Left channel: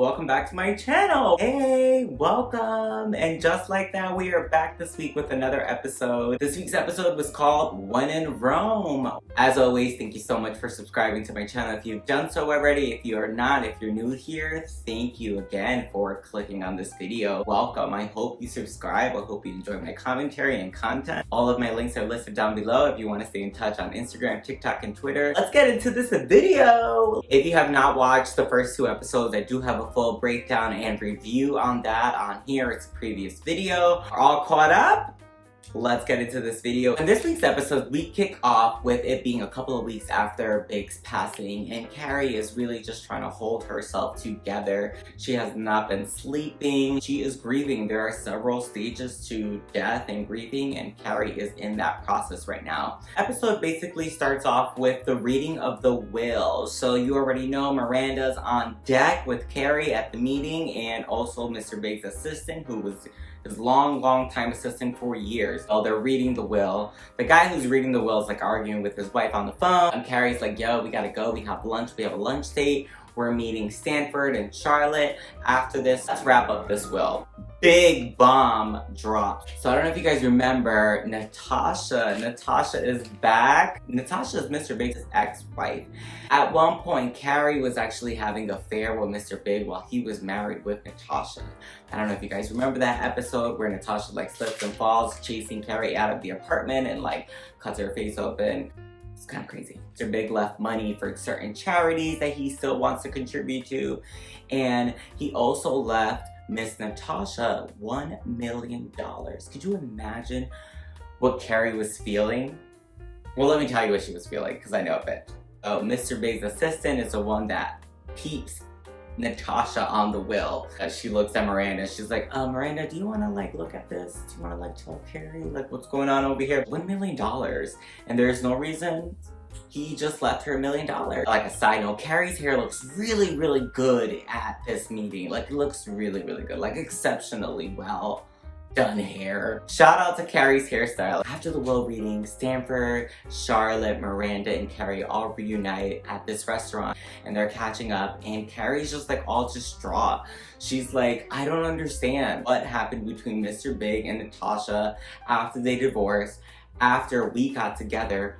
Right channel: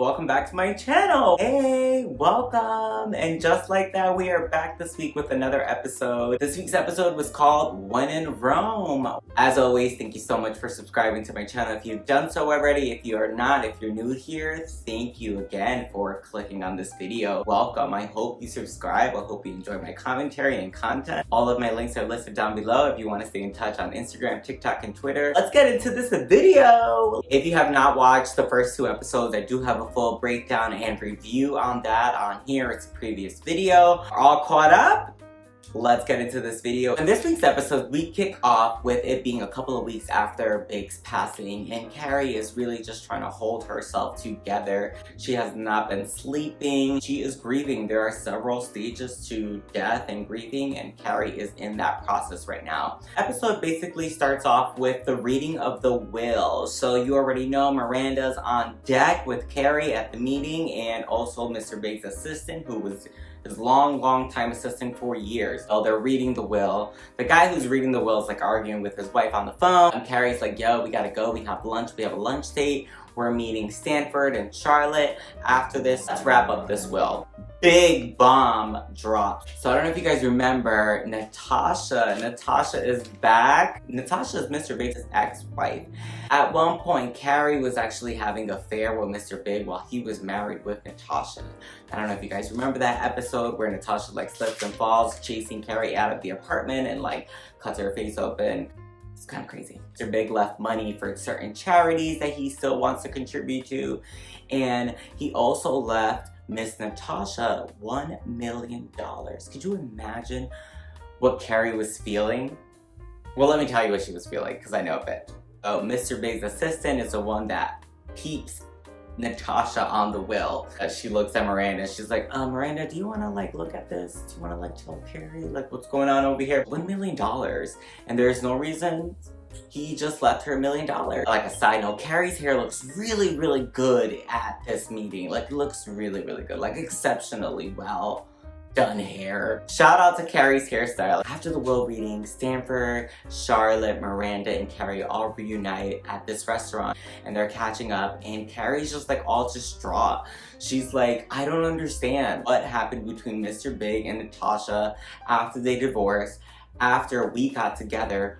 welcome back to my channel. Hey, welcome. And just like that, we are back this week with another episode. This week's episode was called When in Rome. As always, thank you so much for subscribing to my channel if you've done so already. If you are not, if you're new here, thank you again for clicking on this video. Welcome. I hope you subscribe. I hope you enjoy my commentary and content. All of my links are listed down below if you want to stay in touch on Instagram, TikTok, and Twitter. Let's get into this video. If you have not watched the first two episodes, I do have a full breakdown and review on that on here. It's a previous video. We're all caught up? Let's get into this video. In this week's episode, we kick off with it being a couple of weeks after Big's passing, and Carrie is really just trying to hold herself together. She has not been sleeping. She is grieving. There are several stages to death and grieving, and Carrie is in that process right now. Episode basically starts off with the reading of the will. So you already know Miranda's on deck with Carrie at the meeting, and also Mr. Big's assistant, who was his long time assistant for years. So they're reading the will. The guy who's reading the will is like arguing with his wife on the phone. And Carrie's like, yo, we gotta go. We have lunch. We have a lunch date. We're meeting Stanford and Charlotte. After this, let's wrap up this will. Big bomb dropped. So I don't know if you guys remember Natasha. Natasha is back. Natasha is Mr. Big's ex-wife. At one point, Carrie was actually having an affair with Mr. Big while he was married with Natasha. I don't know if you guys remember that episode where Natasha like slips and falls, chasing Carrie out of the apartment and like cuts her face open. It's kind of crazy. Mr. Big left money for certain charities that he still wants to contribute to. And he also left Miss Natasha $1 million. Could you imagine what Carrie was feeling? Well, let me tell you what she was feeling, because I know a bit. Oh, Mr. Big's assistant is the one that keeps Natasha on the will. She looks at Miranda and she's like, Miranda, do you want to like look at this? Do you want to like tell Carrie like what's going on over here? $1 million. And there's no reason. He just left her $1 million. Like a side note, Carrie's hair looks really good at this meeting. Like it looks really good. Like exceptionally well done hair. Shout out to Carrie's hairstyle. After the will reading, Stanford, Charlotte, Miranda, and Carrie all reunite at this restaurant and they're catching up, and Carrie's just like all distraught. She's like, I don't understand what happened between Mr. Big and Natasha after they divorced, after we got together.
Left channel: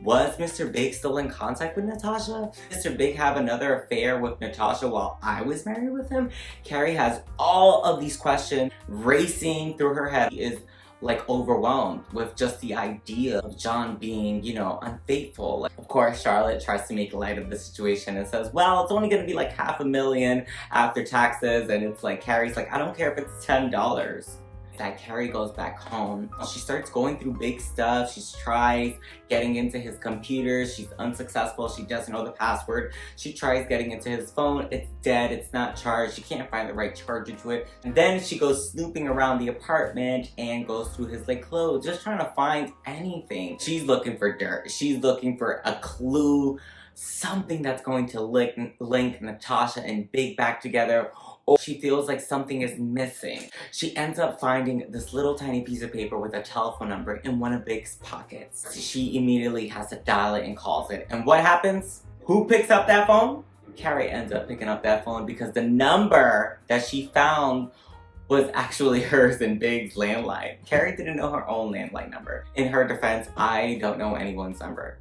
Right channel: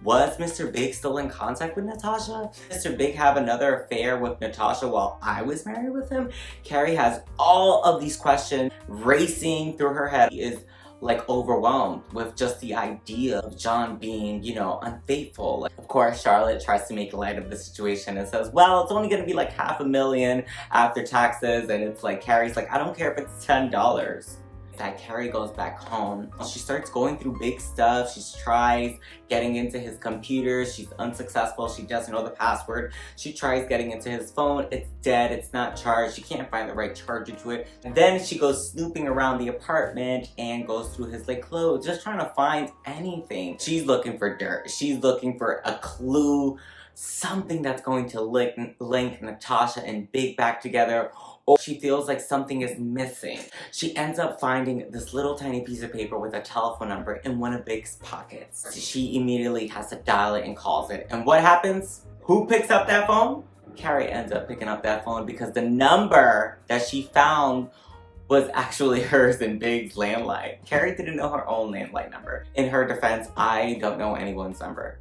Was Mr. Big still in contact with Natasha? Mr. Big have another affair with Natasha while I was married with him? Carrie has all of these questions racing through her head. She is like overwhelmed with just the idea of John being, you know, unfaithful. Like, of course, Charlotte tries to make light of the situation and says, well, it's only gonna be like $500,000 after taxes. And it's like, Carrie's like, I don't care if it's $10. That Carrie goes back home. She starts going through big stuff. She tries getting into his computer. She's unsuccessful. She doesn't know the password. She tries getting into his phone. It's dead. It's not charged. She can't find the right charger to it. And then she goes snooping around the apartment and goes through his like clothes, just trying to find anything. She's looking for dirt. She's looking for a clue, something that's going to link Natasha and Big back together. Or she feels like something is missing. She ends up finding this little tiny piece of paper with a telephone number in one of Big's pockets. She immediately has to dial it and calls it. And what happens? Who picks up that phone? Carrie ends up picking up that phone because the number that she found was actually hers in Big's landline. Carrie didn't know her own landline number. In her defense, I don't know anyone's number.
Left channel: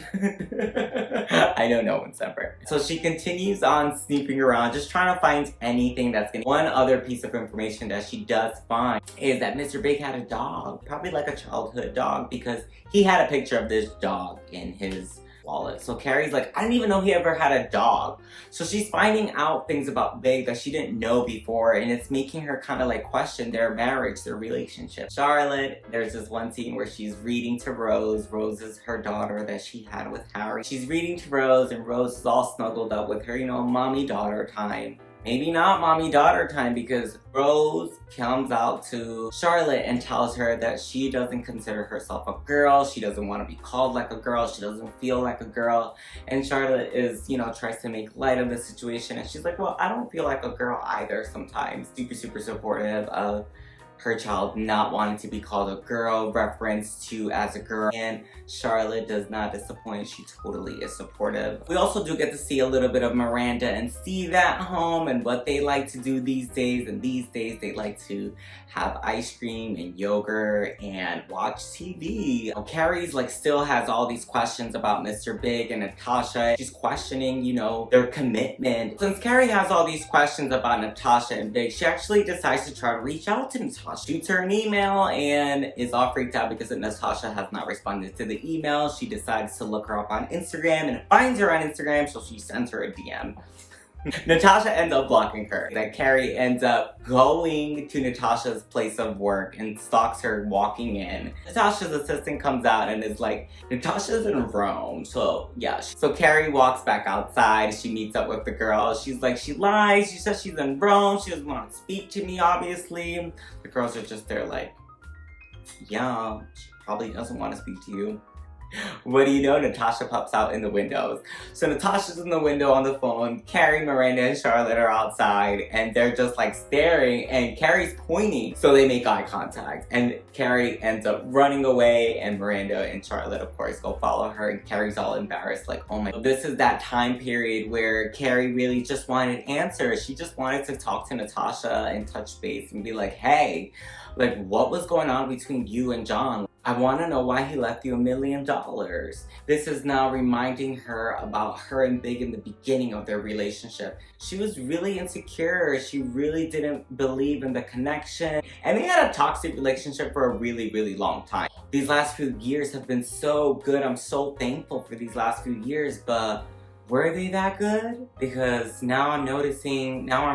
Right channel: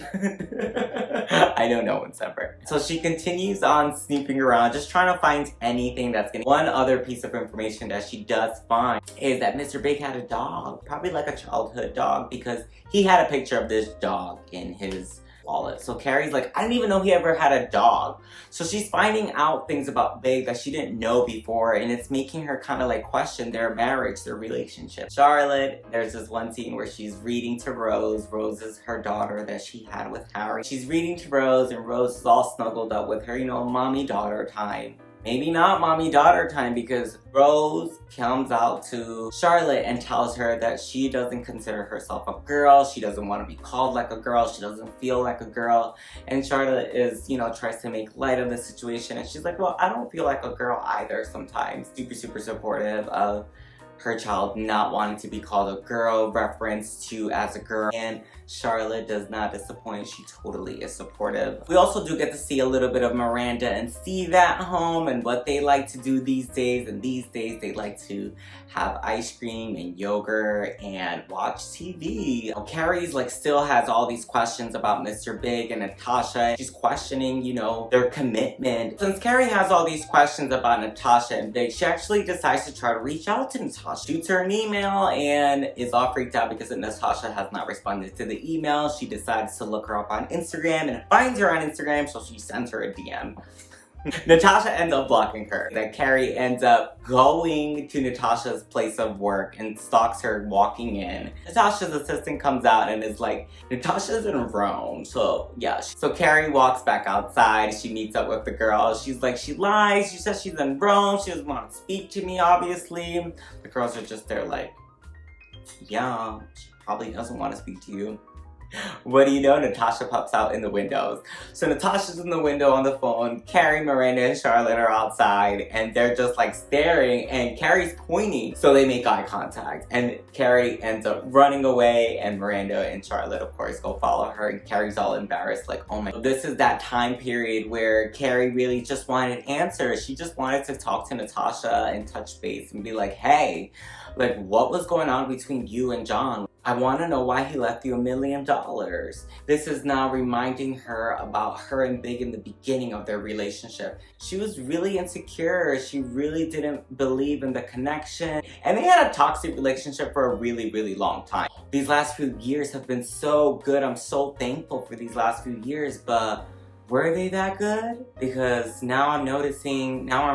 I don't know what's ever. So she continues on snooping around, just trying to find anything that's gonna. One other piece of information that she does find is that Mr. Big had a dog, probably like a childhood dog, because he had a picture of this dog in his wallet. So Carrie's like, I didn't even know he ever had a dog. So she's finding out things about Big that she didn't know before, and it's making her kind of like question their marriage, their relationship. Charlotte, there's this one scene where she's reading to Rose. Rose is her daughter that she had with Harry. She's reading to Rose, and Rose is all snuggled up with her, you know, mommy-daughter time. Maybe not mommy-daughter time, because Rose comes out to Charlotte and tells her that she doesn't consider herself a girl. She doesn't want to be called like a girl. She doesn't feel like a girl. And Charlotte is, you know, tries to make light of the situation. And she's like, well, I don't feel like a girl either sometimes. Super supportive of her child not wanting to be called a girl, reference to as a girl, and Charlotte does not disappoint. She totally is supportive. We also do get to see a little bit of Miranda and Steve at home and what they like to do these days, and these days they like to have ice cream and yogurt and watch TV. Carrie's like still has all these questions about Mr. Big and Natasha. She's questioning, you know, their commitment. Since Carrie has all these questions about Natasha and Big, she actually decides to try to reach out to Natasha. Shoots her an email and is all freaked out because Natasha has not responded to the email. She decides to look her up on Instagram and finds her on Instagram, so she sends her a DM. Natasha ends up blocking her. Then Carrie ends up going to Natasha's place of work and stalks her walking in. Natasha's assistant comes out and is like, Natasha's in Rome. So yeah, so Carrie walks back outside. She meets up with the girl. She's like, she lies. She says she's in Rome. She doesn't want to speak to me, obviously. The girls are just there like, yeah, she probably doesn't want to speak to you. What do you know? Natasha pops out in the windows. So Natasha's in the window on the phone. Carrie, Miranda, and Charlotte are outside and they're just like staring and Carrie's pointing. So they make eye contact and Carrie ends up running away and Miranda and Charlotte, of course, go follow her and Carrie's all embarrassed like, oh my. This is that time period where Carrie really just wanted answers. She just wanted to talk to Natasha and touch base and be like, hey, like what was going on between you and John? I want to know why he left you $1 million. This is now reminding her about her and Big in the beginning of their relationship. She was really insecure. She really didn't believe in the connection. And they had a toxic relationship for a really, really long time. These last few years have been so good. I'm so thankful for these last few years, but were they that good? Because now I'm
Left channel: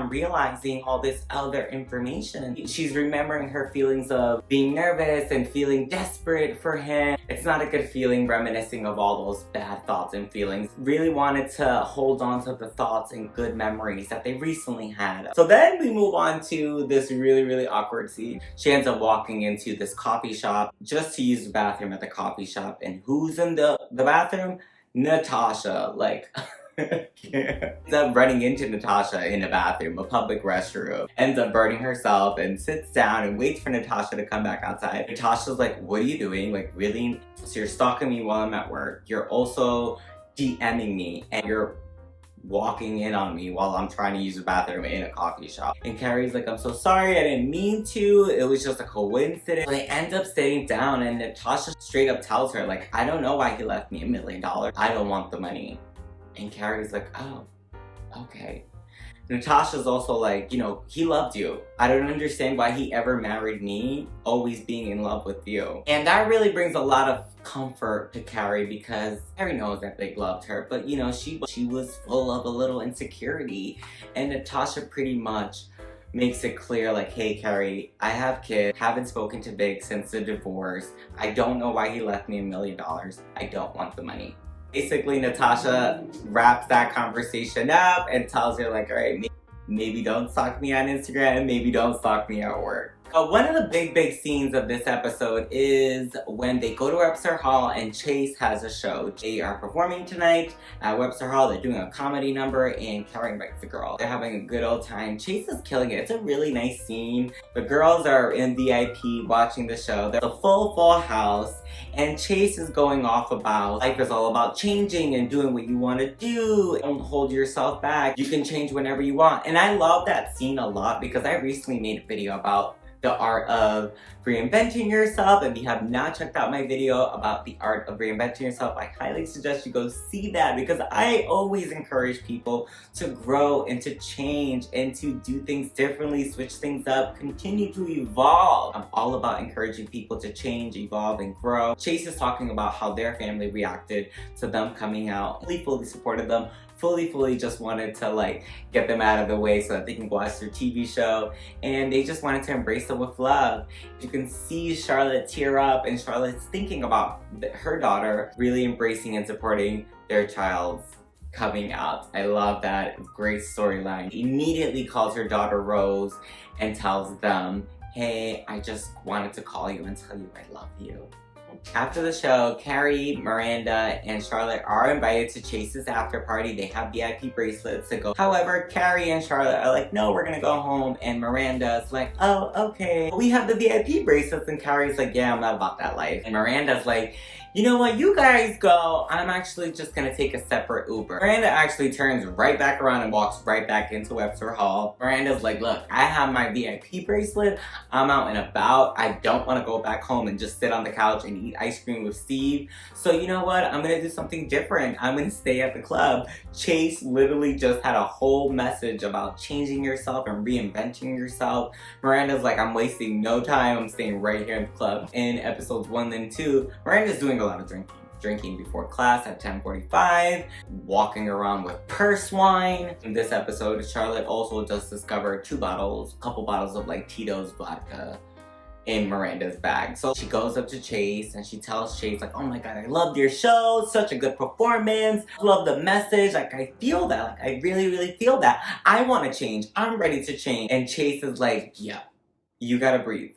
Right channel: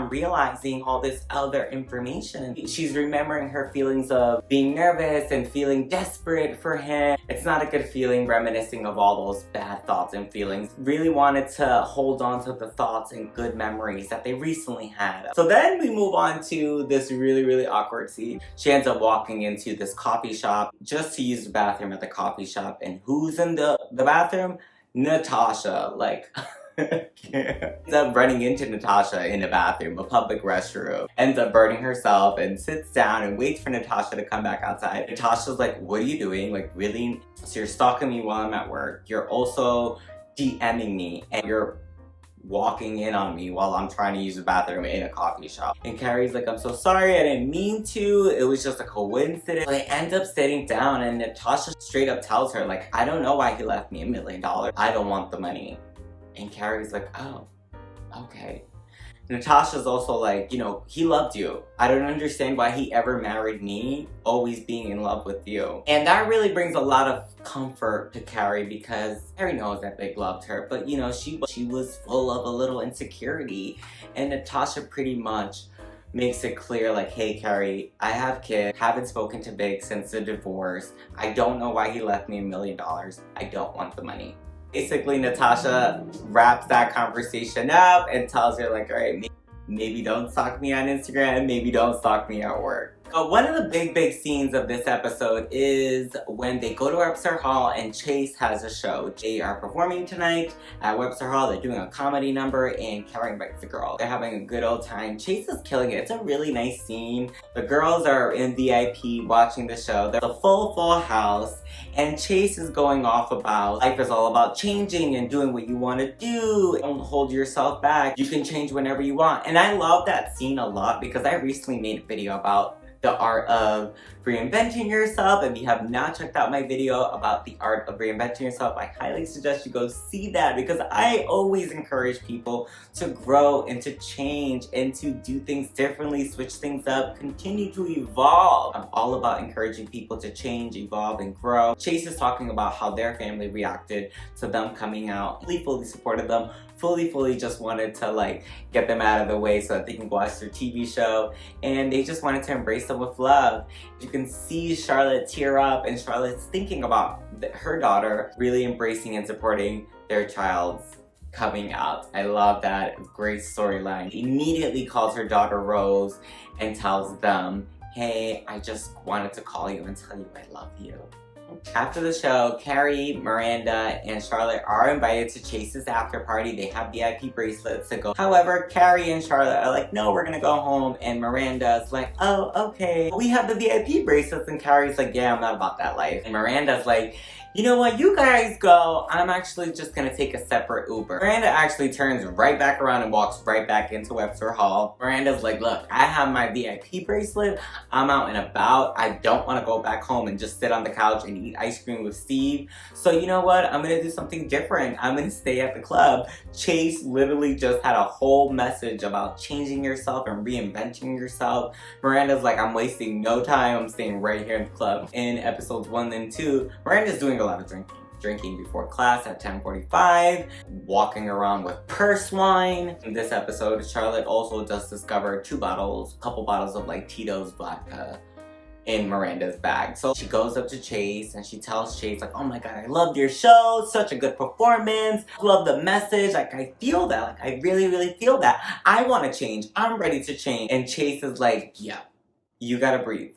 realizing all this other information. She's remembering her feelings of being nervous and feeling desperate for him. It's not a good feeling, reminiscing of all those bad thoughts and feelings. Really wanted to hold on to the thoughts and good memories that they recently had. So then we move on to this really, really awkward scene. She ends up walking into this coffee shop just to use the bathroom at the coffee shop. And who's in the bathroom? Natasha, like, ends up running into Natasha in a bathroom, a public restroom, ends up burning herself and sits down and waits for Natasha to come back outside. Natasha's like, what are you doing? Like, really? So you're stalking me while I'm at work. You're also DMing me and you're walking in on me while I'm trying to use the bathroom in a coffee shop. And Carrie's like, I'm so sorry, I didn't mean to. It was just a coincidence. They end up sitting down and Natasha straight up tells her, like, I don't know why he left me $1 million. I don't want the money. And Carrie's like, oh, okay. Natasha's also like, you know, he loved you. I don't understand why he ever married me, always being in love with you. And that really brings a lot of comfort to Carrie because Carrie knows that Big loved her, but you know, she was full of a little insecurity. And Natasha pretty much makes it clear like, hey Carrie, I have kids, haven't spoken to Big since the divorce. I don't know why he left me $1 million. I don't want the money. Basically, Natasha wraps that conversation up and tells her like, all right, maybe don't stalk me on Instagram, maybe don't stalk me at work. One of the big scenes of this episode is when they go to Webster Hall and Chase has a show. They are performing tonight at Webster Hall. They're doing a comedy number and Carrie invites the girl. They're having a good old time. Chase is killing it. It's a really nice scene. The girls are in VIP watching the show. There's a full house and Chase is going off about life is all about changing and doing what you want to do. Don't hold yourself back. You can change whenever you want. And I love that scene a lot because I recently made a video about the art of reinventing yourself. If you have not checked out my video about the art of reinventing yourself, I highly suggest you go see that because I always encourage people to grow and to change and to do things differently, switch things up, continue to evolve. I'm all about encouraging people to change, evolve, and grow. Chase is talking about how their family reacted to them coming out. Fully supported them. Fully just wanted to like get them out of the way so that they can watch their TV show, and they just wanted to embrace them with love. You can see Charlotte tear up, and Charlotte's thinking about her daughter really embracing and supporting their child's coming out. I love that. Great storyline. Immediately calls her daughter Rose and tells them, hey, I just wanted to call you and tell you I love you. After the show, Carrie, Miranda, and Charlotte are invited to Chase's after party. They have VIP bracelets to go. However, Carrie and Charlotte are like, no, we're gonna go home. And Miranda's like, oh, okay. We have the VIP bracelets. And Carrie's like, yeah, I'm not about that life. And Miranda's like, you know what, you guys go. I'm actually just gonna take a separate Uber. Miranda actually turns right back around and walks right back into Webster Hall. Miranda's like, look, I have my VIP bracelet. I'm out and about. I don't wanna go back home and just sit on the couch and eat ice cream with Steve. So you know what, I'm gonna do something different. I'm gonna stay at the club. Chase literally just had a whole message about changing yourself and reinventing yourself. Miranda's like, I'm wasting no time. I'm staying right here in the club. In episodes 1 and 2, Miranda's doing a lot of drinking before class at 10:45, walking around with purse wine. In this episode, Charlotte also just discovered a couple bottles of like Tito's vodka in Miranda's bag. So she goes up to Chase and she tells Chase like, oh my god, I loved your show, such a good performance, love the message, like I feel that, like I really feel that. I want to change, I'm ready to change. And Chase is like, yeah, you gotta breathe.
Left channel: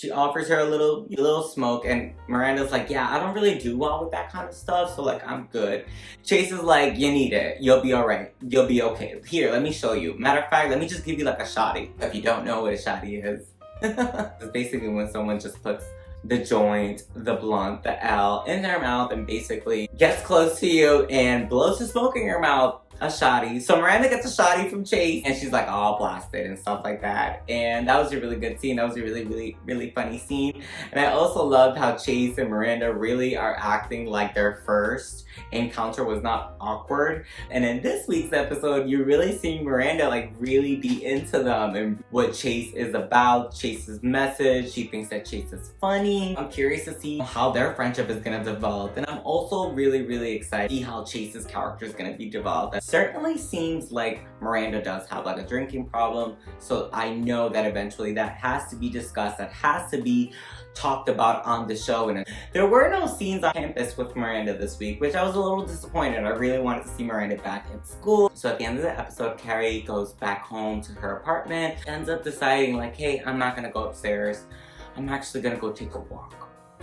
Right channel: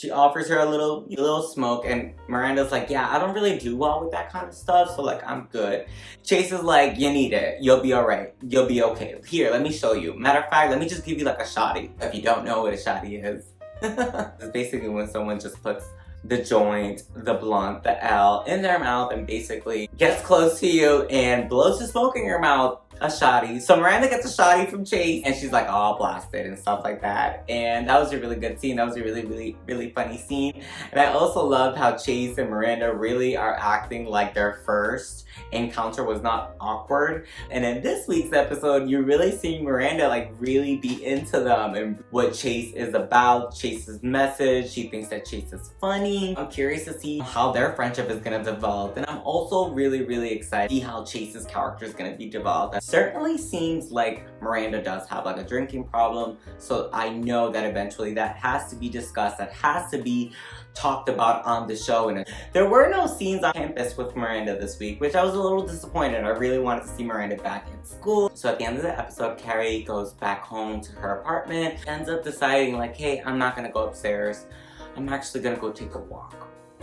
She offers her a little smoke, and Miranda's like, yeah, I don't really do well with that kind of stuff, so like, I'm good. Chase is like, you need it. You'll be alright. You'll be okay. Here, let me show you. Matter of fact, let me just give you like a shotty. If you don't know what a shotty is. It's basically when someone just puts the joint, the blunt, the L in their mouth and basically gets close to you and blows the smoke in your mouth. A shotty. So Miranda gets a shotty from Chase and she's like all blasted and stuff like that. And that was a really good scene. That was a really funny scene. And I also loved how Chase and Miranda really are acting like their first encounter was not awkward. And in this week's episode, you really see Miranda like really be into them and what Chase is about, Chase's message. She thinks that Chase is funny. I'm curious to see how their friendship is gonna develop. And I'm also really excited to see how Chase's character is gonna be developed. Certainly seems like Miranda does have like a drinking problem, so I know that eventually that has to be discussed, that has to be talked about on the show. And there were no scenes on campus with Miranda this week, which I was a little disappointed. I really wanted to see Miranda back at school. So at the end of the episode, Carrie goes back home to her apartment, ends up deciding like, hey, I'm not gonna go upstairs. I'm actually gonna go take a walk.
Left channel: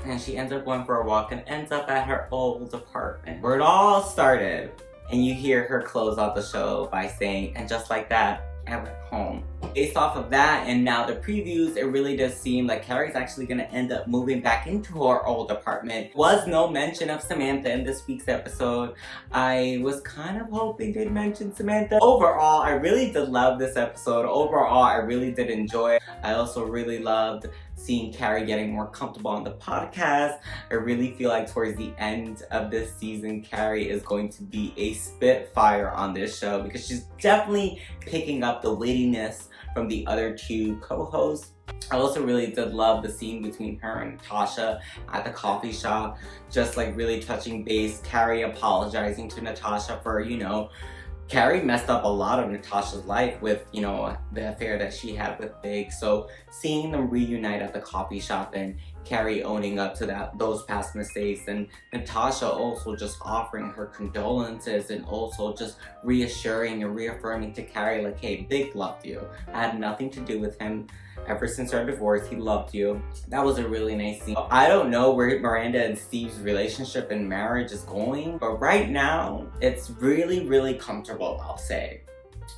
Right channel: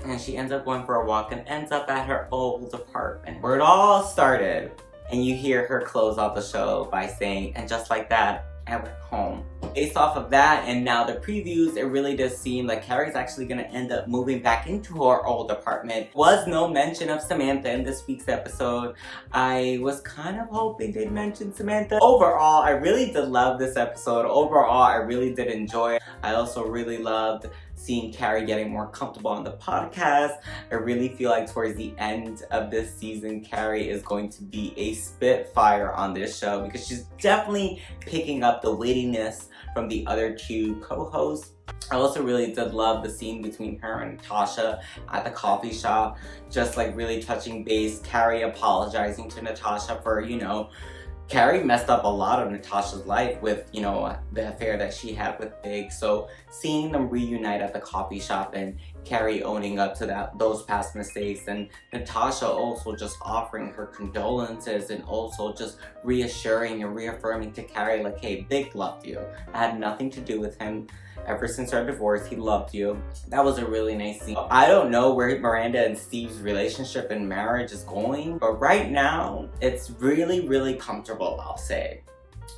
And she ends up going for a walk and ends up at her old apartment where it all started. And you hear her close out the show by saying, and just like that, I went home. Based off of that and now the previews, it really does seem like Carrie's actually gonna end up moving back into her old apartment. Was no mention of Samantha in this week's episode. I was kind of hoping they'd mention Samantha. Overall, I really did love this episode. Overall, I really did enjoy it. I also really loved seeing Carrie getting more comfortable on the podcast. I really feel like towards the end of this season, Carrie is going to be a spitfire on this show because she's definitely picking up the wittiness from the other two co-hosts. I also really did love the scene between her and Natasha at the coffee shop, just like really touching base, Carrie apologizing to Natasha for, you know, Carrie messed up a lot of Natasha's life with, you know, the affair that she had with Big. So seeing them reunite at the coffee shop and Carrie owning up to those past mistakes, and Natasha also just offering her condolences and also just reassuring and reaffirming to Carrie like, hey, Big loved you. I had nothing to do with him. Ever since our divorce, he loved you. That was a really nice scene. I don't know where Miranda and Steve's relationship and marriage is going, but right now, it's really comfortable, I'll say.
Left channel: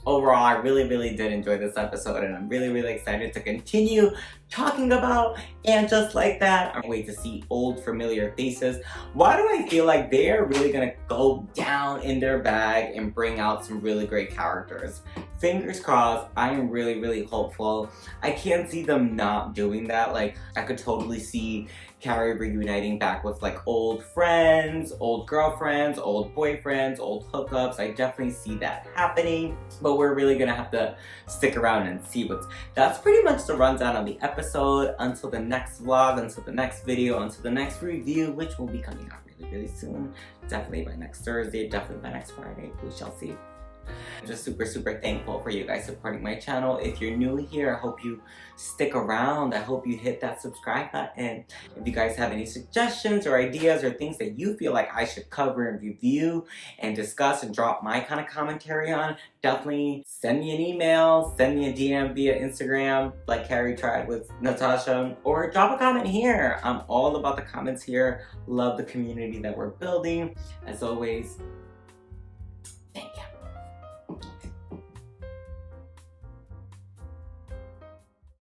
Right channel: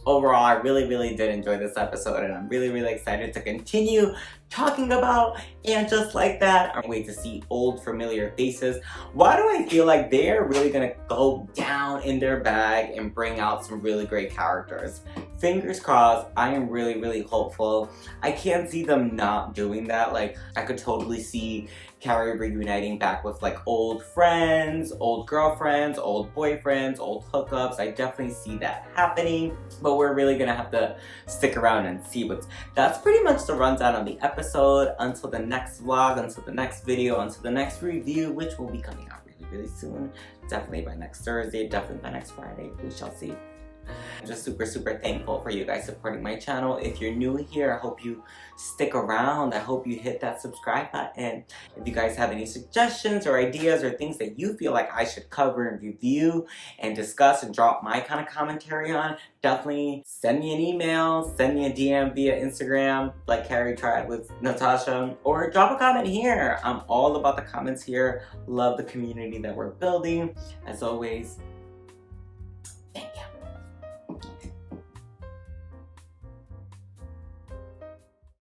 Overall, I really did enjoy this episode, and I'm really excited to continue talking about And Just Like That. I'm waiting to see old familiar faces. Why do I feel like they're really gonna go down in their bag and bring out some really great characters? Fingers crossed. I am really hopeful. I can't see them not doing that. Like, I could totally see Carrie reuniting back with like old friends, old girlfriends, old boyfriends, old hookups. I definitely see that happening, but we're really gonna have to stick around and see that's pretty much the rundown on the episode. Until the next vlog, until the next video, until the next review, which will be coming out really soon. Definitely by next Thursday, definitely by next Friday. We shall see. I'm just super thankful for you guys supporting my channel. If you're new here, I hope you stick around. I hope you hit that subscribe button. If you guys have any suggestions or ideas or things that you feel like I should cover and review and discuss and drop my kind of commentary on, definitely send me an email, send me a DM via Instagram like Carrie tried with Natasha, or drop a comment here. I'm all about the comments here. Love the community that we're building. As always,